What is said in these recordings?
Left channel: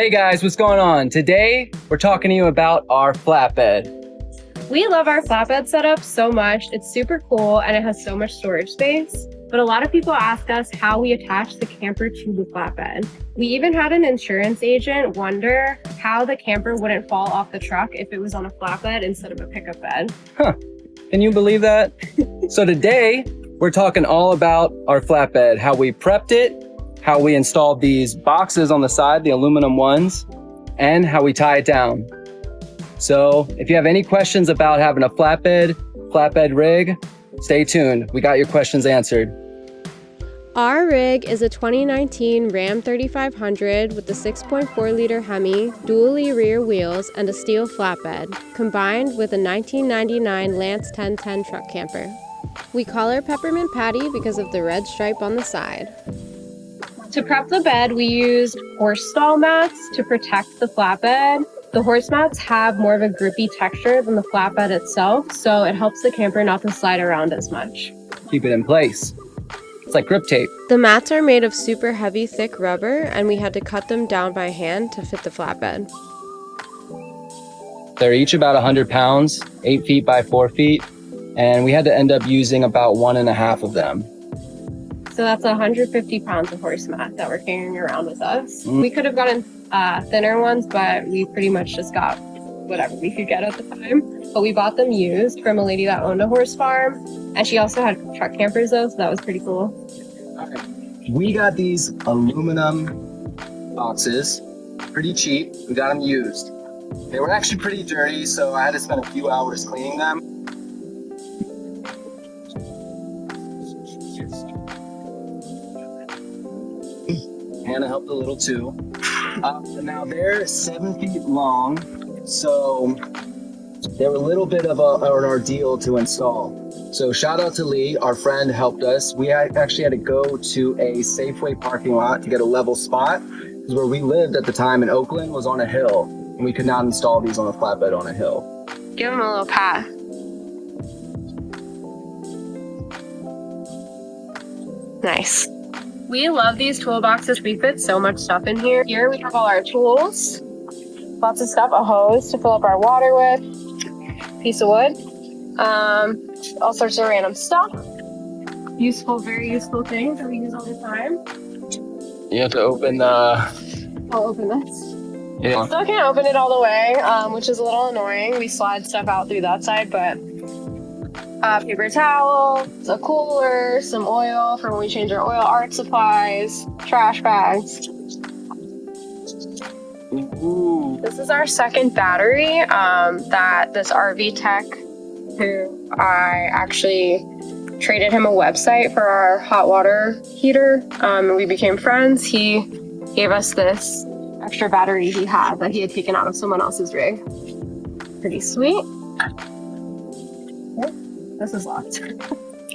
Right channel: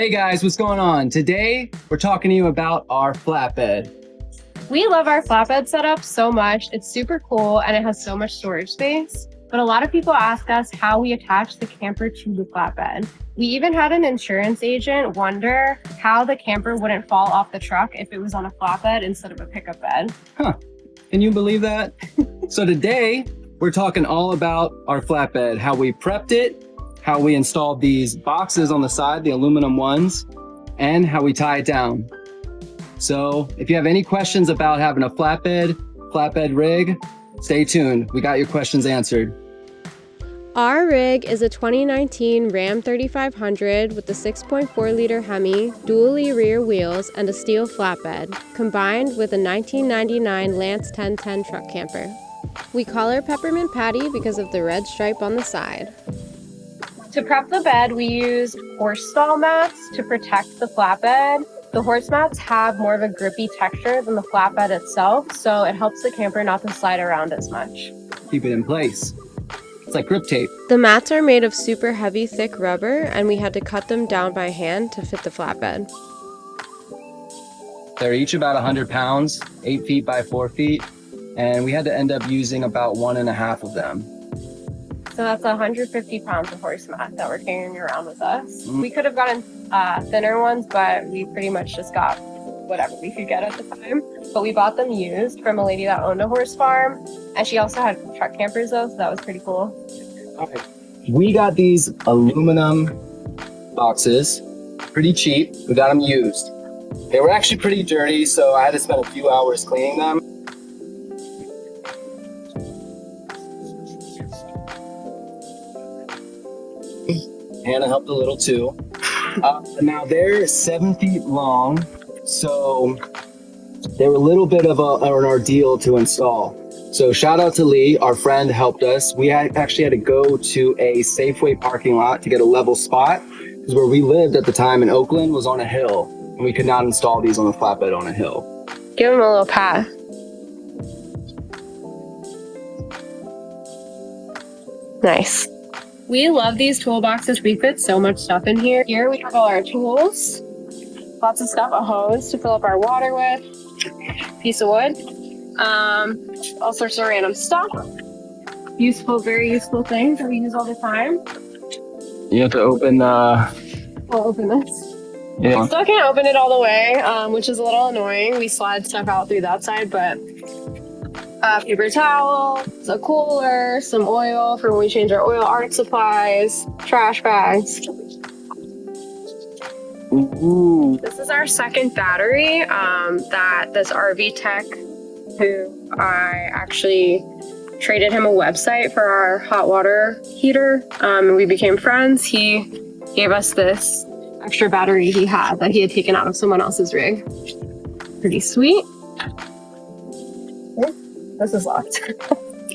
Hey guys, what's going on? Today, we're talking to you about our flatbed. We love our flatbed setup so much. It's super cool and it has so much storage space. But a lot of people ask us how we attach the camper to the flatbed. We even had an insurance agent wonder how the camper wouldn't fall off the truck if it was on a flatbed instead of a pickup bed. Huh, can you believe that? So today, we're talking all about our flatbed, how we prepped it, how we installed these boxes on the side, the aluminum ones, and how we tie it down. So if you have any questions about having a flatbed rig, stay tuned. We got your questions answered. Our rig is a 2019 Ram 3500 with a 6.4 liter Hemi, dually rear wheels, and a steel flatbed, combined with a 1999 Lance 1010 truck camper. We call her Peppermint Patty because of the red stripe on the side. To prep the bed, we used horse stall mats to protect the flatbed. The horse mats have more of a grippy texture than the flatbed itself, so it helps the camper not to slide around as much. Keep it in place. It's like grip tape. The mats are made of super heavy, thick rubber, and we had to cut them down by hand to fit the flatbed. They're each about 100 pounds, 8 feet by 4 feet, and we had to end up using about 1.5 of them. So that's 150 pounds of horse mat that we're carrying around with us. We could have gotten thinner ones, but we pretty much just got whatever we could get at the time. But we bought them used from a lady that owned a horse farm, and she also had truck campers though, so that was pretty cool. All right. We got these aluminum boxes, pretty cheap. We got them used. They were actually pretty dirty, so I had to spend a few hours cleaning them. Hannah helped a little too. Now they're 7 feet long, so they were a little bit of an ordeal to install. So shout out to Lee, our friend helped us. We actually had to go to a Safeway parking lot to get a level spot, because where we lived at the time in Oakland was on a hill, and we could not install these on a flatbed on a hill. Give them a little pat. Nice. We love these toolboxes. We fit so much stuff in here. Here we have all our tools, lots of stuff, a hose to fill up our water with, piece of wood, all sorts of random stuff. Useful, very useful things that we use all the time. You have to open the... I'll open this. Yeah. Still can't open it all the way, which is a little annoying. We slide stuff out through that side, but paper towel, a cooler, some oil for when we change our oil, art supplies, trash bags. Ooh. This is our second battery that this RV tech, who I actually traded him a website for our hot water heater. We became friends. He gave us this extra battery he had that he had taken out of someone else's rig. Pretty sweet. This is locked.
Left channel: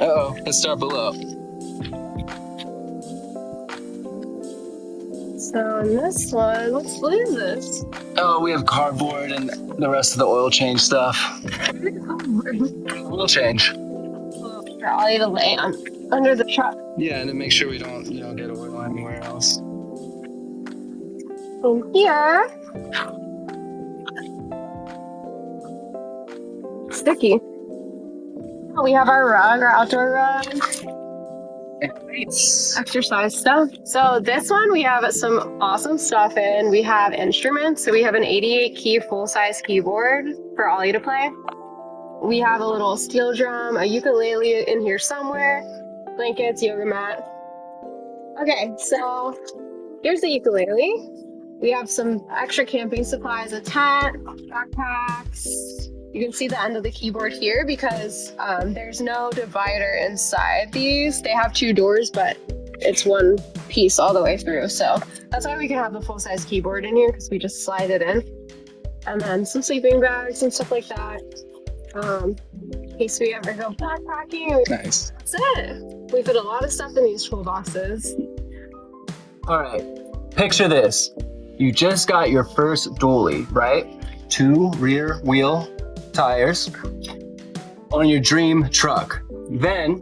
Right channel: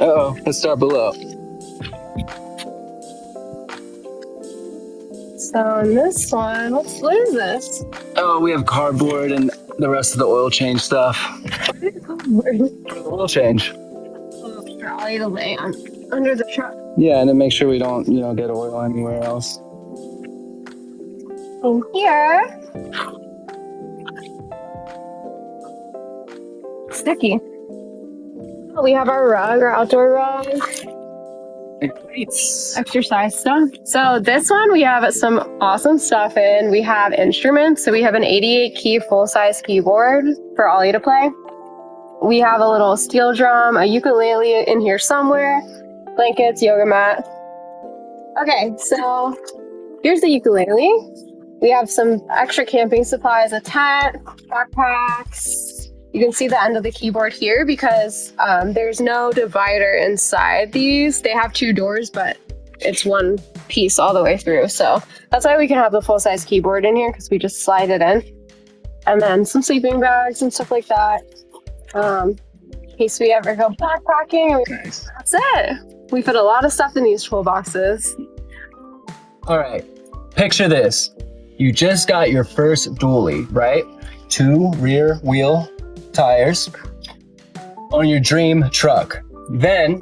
Uh-oh, let's start below. So in this one, what is this? Oh, we have cardboard and the rest of the oil change stuff. Oil change. For Ollie to lay on under the truck. Yeah, and then make sure we don't, get oil anywhere else. And here, sticky. We have our rug, our outdoor rug. Exercise stuff. So this one we have some awesome stuff in. We have instruments. So we have an 88 key full-size keyboard for Ollie to play. We have a little steel drum, a ukulele in here somewhere, blankets, yoga mat. Okay, so here's the ukulele. We have some extra camping supplies, a tent, backpacks. You can see the end of the keyboard here because there's no divider inside these. They have 2 doors, but it's one piece all the way through. So that's why we can have the full-size keyboard in here, because we just slide it in. And then some sleeping bags and stuff like that. In case we ever go backpacking. Nice. That's it. We put a lot of stuff in these toolboxes. All right, picture this. You just got your first dually, right? 2 rear wheel tires on your dream truck. Then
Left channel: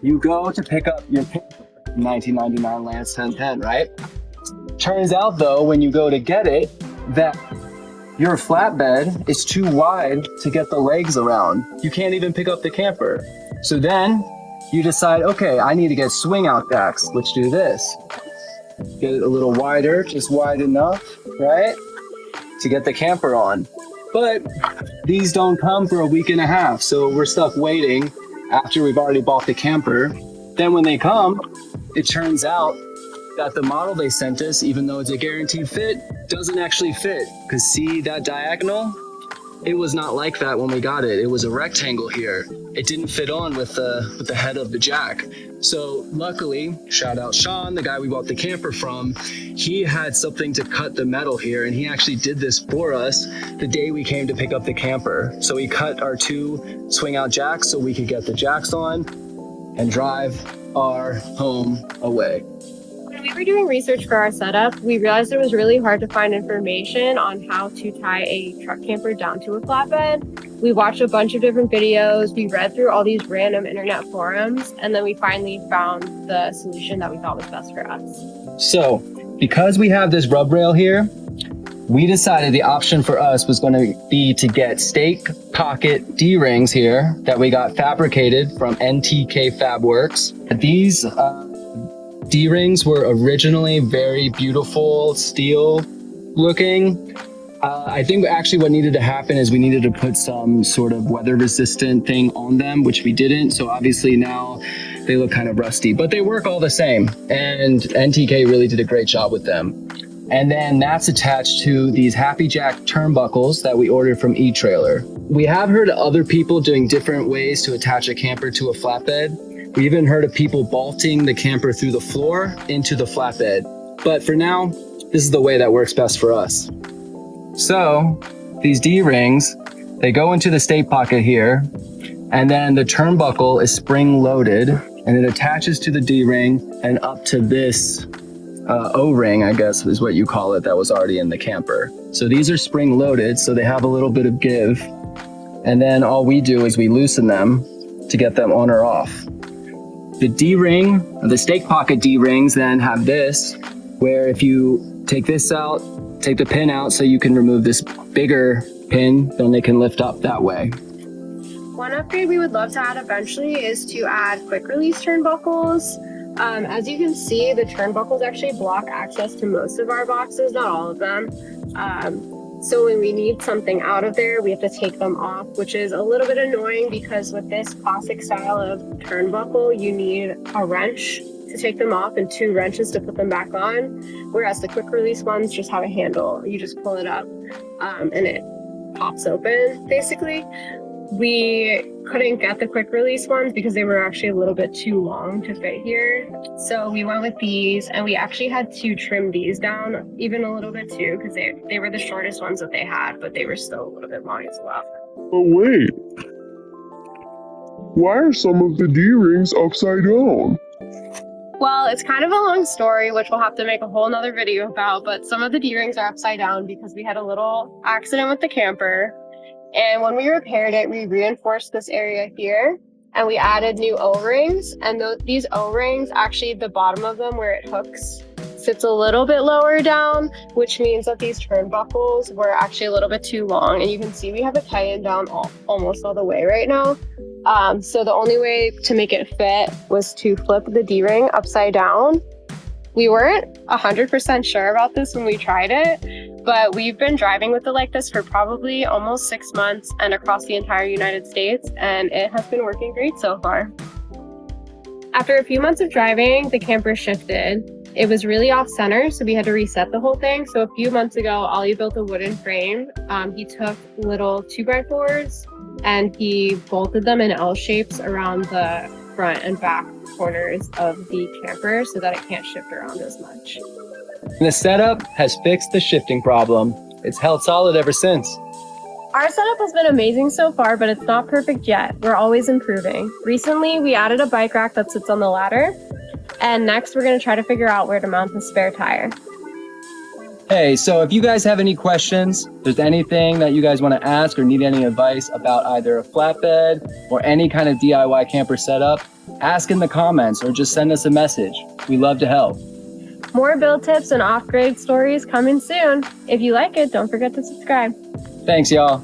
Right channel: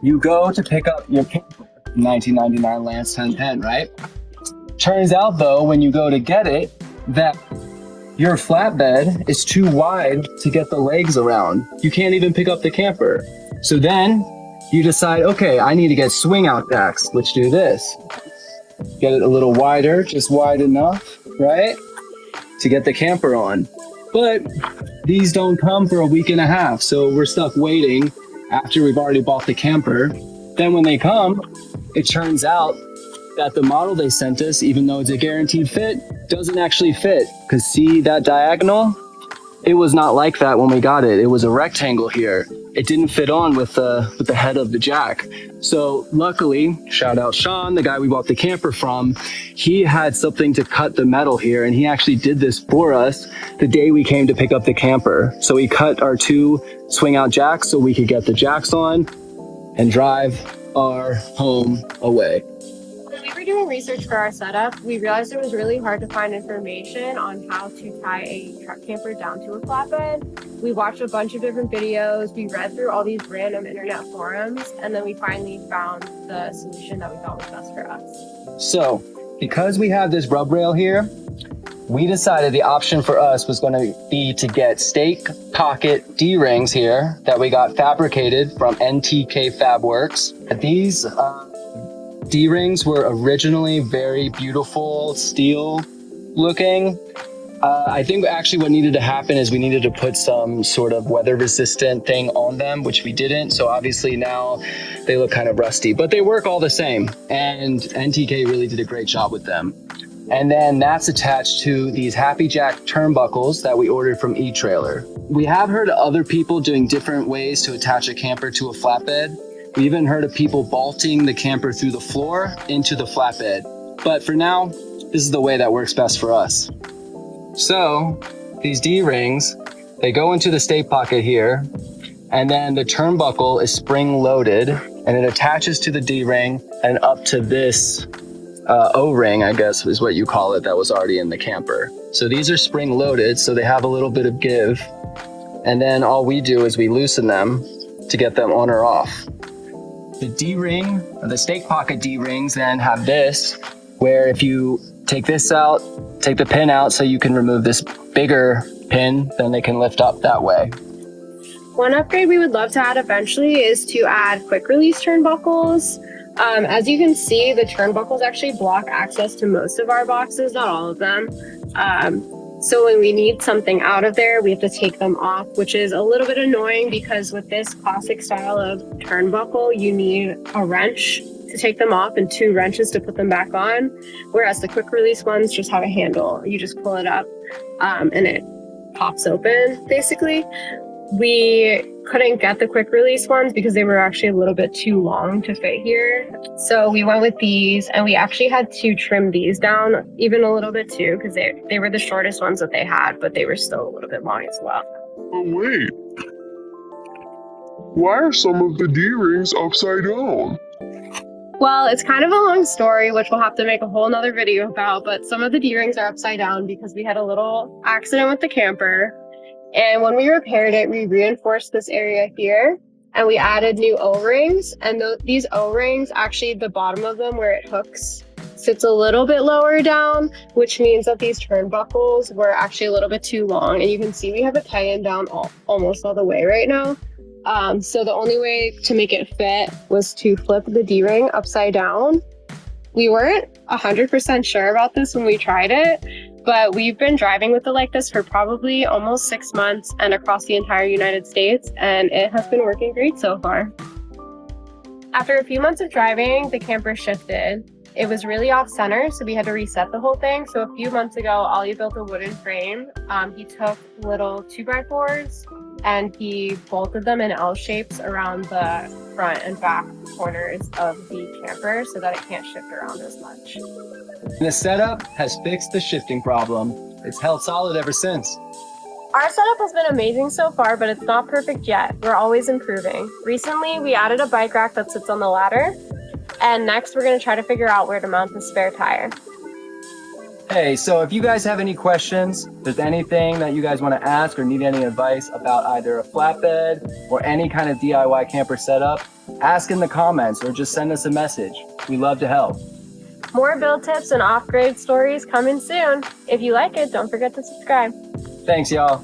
you go to pick up your 1999 Lance 1010, right? Turns out though, when you go to get it, that your flatbed is too wide to get the legs around. You can't even pick up the camper. So then you decide, okay, I need to get swing out jacks, which do this. Get it a little wider, just wide enough, right? To get the camper on. But these don't come for a week and a half. So we're stuck waiting after we've already bought the camper. Then when they come, it turns out that the model they sent us, even though it's a guaranteed fit, doesn't actually fit. Because see that diagonal? It was not like that when we got it. It was a rectangle here. It didn't fit on with the head of the jack. So luckily, shout out Sean, the guy we bought the camper from, he had something to cut the metal here, and he actually did this for us the day we came to pick up the camper. So he cut our 2 swing out jacks so we could get the jacks on and drive our home away. When we were doing research for our setup, we realized it was really hard to find information on how to tie a truck camper down to a flatbed. We watched a bunch of different videos, we read through all these random internet forums, and then we finally found the solution that we thought was best for us. So, because we have this rub rail here, we decided the option for us was going to be to get stake pocket D-rings here that we got fabricated from NTK Fabworks. These D-rings were originally very beautiful steel looking. I think actually what needed to happen is we needed to put some sort of weather resistant thing on them, which we didn't. So obviously now they look kind of rusty, but they work all the same. And NTK really did a great job with them. And then that's attached to these Happy Jack turnbuckles that we ordered from eTrailer. We have heard of other people doing different ways to attach a camper to a flatbed. We even heard of people bolting the camper through the floor into the flatbed. But for now, this is the way that works best for us. So these D-rings, they go into the stake pocket here, and then the turnbuckle is spring loaded, and it attaches to the D-ring and up to this O-ring, I guess is what you call it, that was already in the camper. So these are spring loaded, so they have a little bit of give. And then all we do is we loosen them to get them on or off. The D-ring, the stake pocket D-rings then have this, where if you take this out, take the pin out so you can remove this bigger pin, then they can lift up that way. One upgrade we would love to add eventually is to add quick release turnbuckles. As you can see, the turnbuckles actually block access to most of our boxes, not all of them. So when we need something out of there, we have to take them off, which is a little bit annoying because with this classic style of turnbuckle, you need a wrench to take them off and 2 wrenches to put them back on. Whereas the quick release ones just have a handle. You just pull it up and it pops open, basically. We couldn't get the quick release ones because they were actually a little bit too long to fit here. So we went with these, and we actually had to trim these down even a little bit too, because they were the shortest ones that they had, but they were still a little bit long as well. But wait, why are some of the D-rings upside down? Well, it's kind of a long story, which we'll have to make a whole nother video about, but some of the D-rings are upside down because we had a little accident with the camper. And when we repaired it, we reinforced this area here and we added new O-rings. And these O-rings, actually the bottom of them where it hooks sits a little bit lower down, which means that these turnbuckles were actually a little bit too long. And you can see we have it tightened down almost all the way right now. So the only way to make it fit was to flip the D-ring upside down. We weren't 100% sure about this when we tried it, but we've been driving with it like this for probably almost 6 months and across the entire United States, and it has been working great so far. After a few months of driving, the camper shifted. It was really off center, so we had to reset the whole thing. So a few months ago, Ollie built a wooden frame. He took little 2x4s and he bolted them in L shapes around the front and back corners of the camper so that it can't shift around as much. The setup has fixed the shifting problem. It's held solid ever since. Our setup has been amazing so far, but it's not perfect yet. We're always improving. Recently, we added a bike rack that sits on the ladder. And next, we're going to try to figure out where to mount the spare tire. Hey, so if you guys have any questions, if there's anything that you guys want to ask or need any advice about either a flatbed or any kind of DIY camper setup, ask in the comments or just send us a message. We love to help. More build tips and off-grid stories coming soon. If you like it, don't forget to subscribe. Thanks, y'all.